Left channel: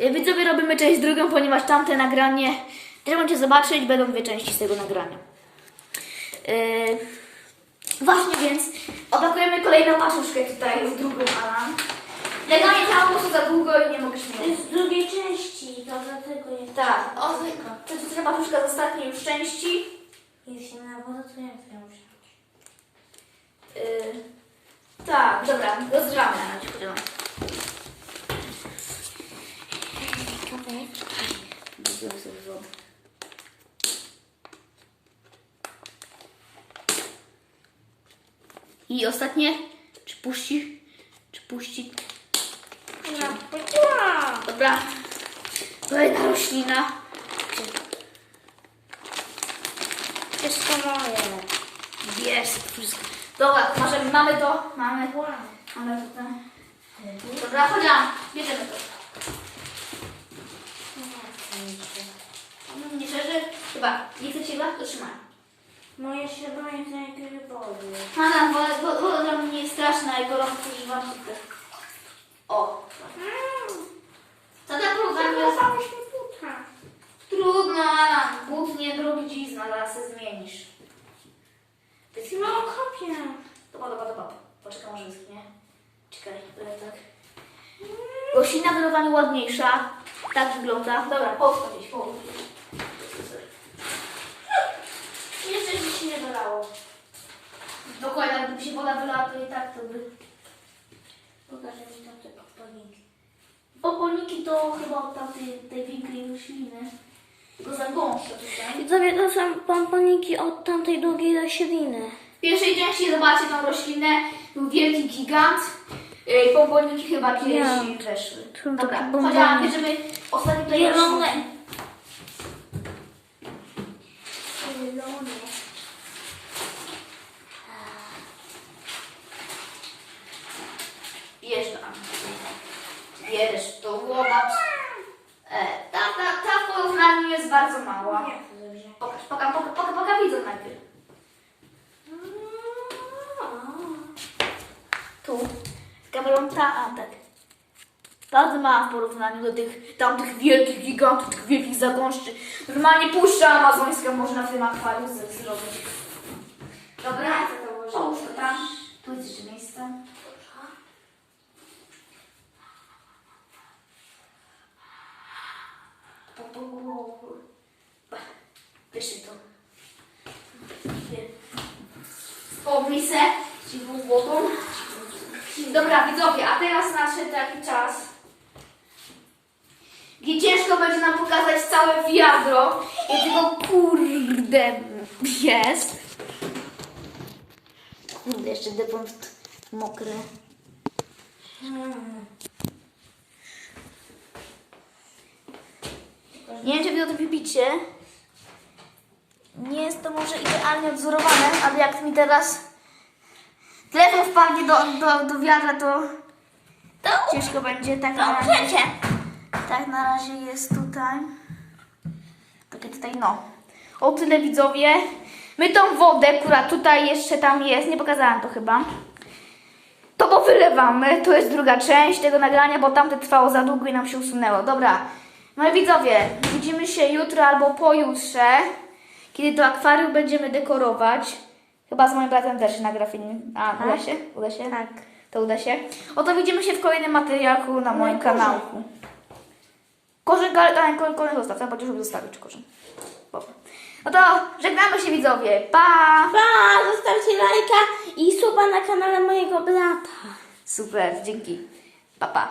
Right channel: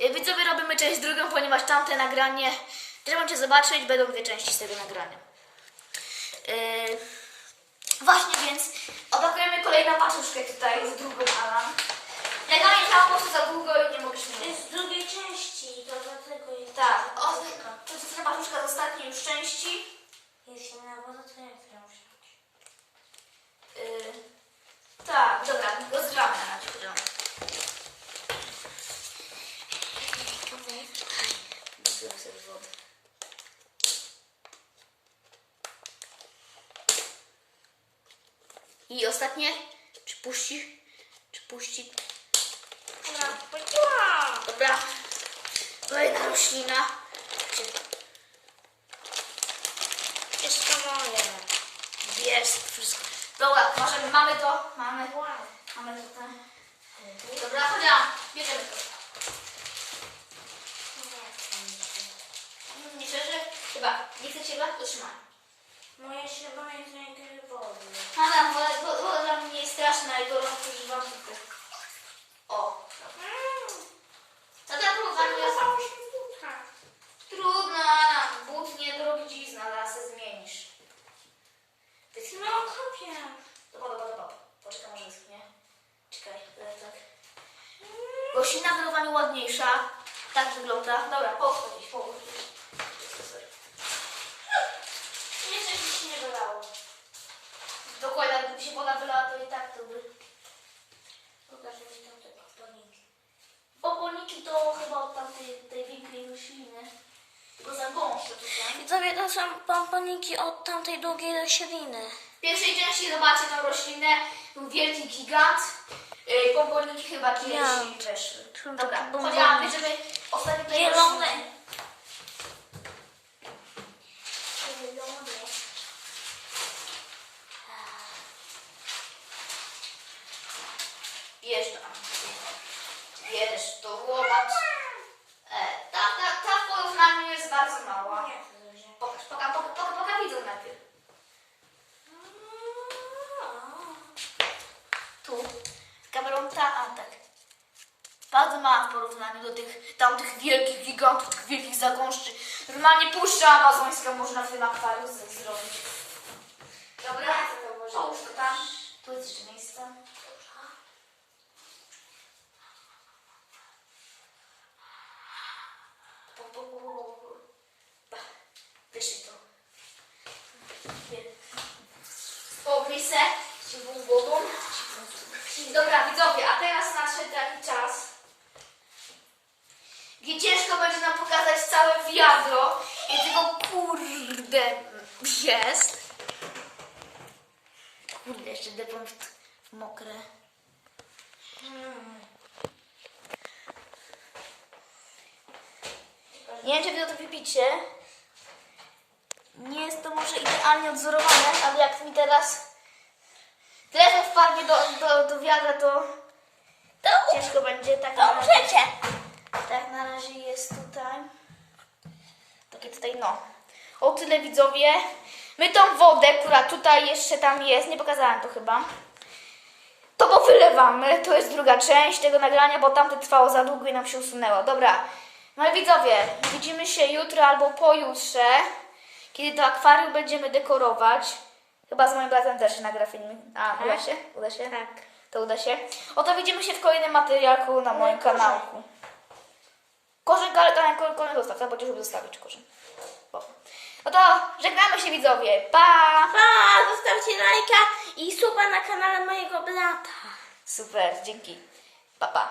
Y, Widzowie robimy część drugą, ponieważ tamte nagranie, też możecie zobaczyć, będą dwie części z tego nagrania. Yy, właśnie więc opakujemy kolejną paczuszkę tutaj, już drugą Alan. Nagranie trwało po prostu za długo i nie mogę To śmiać. jest z drugiej części, to dlatego jest Tak, o, to jest ta paczuszka z ostatniej już części. Jest inna woda, to ja chcę wziąć. Yy, tak, dobra, rozgrzamy na chwilę. Wodę. I ostatnie, czy puści, czy puści, Dobra, powiedziała! dobra, kolejna roślina. To moje. Jest wszystko. Dobra, możemy, mamy to, mamy, mamy tutaj. Dobra, chodź, bierzemy to. Chyba. Nie chcecie chyba? To trzymaj. Moje śrubowanie to jak wody. Aha, woda, wo- woda dla mnie jest straszna i gorąco i wam tylko. O. Tam próbowałem? Zachowało się buta. Trudno, but nie drobizna, zaraz się zmienisz. Ty mało kopię. Dobra, dobra, dobra. Poczekaj, może wyschnie. Czekaj, ale tak. Roślina wyrowana ładniejsza. Tak wygląda. Dobra, podchodź. Jeszcze się nie wylało. Dokładnie, gdyby się woda wylała, to i tak to by... Pokażę mi tam te podpalniki. Popolniki to chyba od tamtej tej większej rośliny. Tylko za gąszcze tutaj. Widzowie, to są pomponiki od tamtej długiej rośliny. W pierwszej części zobaczcie tą roślinę. Był wielki gigant. Yy, Pompoliki chyba kiedyś Gigant. weszły. Są Dobra, takie bombony. bierzemy ostatnie tutaj Zielone. rośliny. Zielone. Bierz to. Bierz to, zobacz. E, ta, ta, ta w porównaniu jest bardzo mała. To? Pokaż, poka, poka, poka, poka widzę najpierw. Tu. Z kamerą ta, a tak. Bardzo mała w porównaniu do tych tamtych wielkich gigantów, tych wielkich zagąszczy. Normalnie puszcza amazońska można w tym akwarium zrobić. Dobra, Ja chcę to włożyć. połóż to tam. Tu jest jeszcze miejsce. Wyszli to. Pomyj se, ci w głową. Dobra, widzowie, a teraz nadszedł taki czas, gdzie ciężko będzie nam pokazać całe wiadro, jakiego kurde jest. Kurde, jeszcze depon mokry. Nie wiem, czy wy to widzicie. Nie jest to może idealnie odzorowane, ale jak mi teraz telefon wpadnie do, do, do wiadra, to To ciężko będzie. Tak na razie, tak na razie jest tutaj. Takie tutaj, no. O tyle widzowie. My tą wodę, która tutaj jeszcze tam jest, nie pokazałam to chyba. To powylewamy. To jest druga część tego nagrania, bo tamte trwało za długo i nam się usunęło. Dobra. No i widzowie, widzimy się jutro albo pojutrze, kiedy to akwarium będziemy dekorować. Chyba z moim bratem też nagra film. A, uda się? Uda się? Tak. To uda się. Oto widzimy się w kolejnym materiałku na moim i korzeń. kanałku. Korzeń, ale tak, korzeń, korzeń zostaw, ja będziesz zostawić korzeń. Dobra. No to żegnamy się widzowie. Pa! Pa, zostawcie lajka i suba na kanale mojego brata. Super, dzięki. Pa, pa.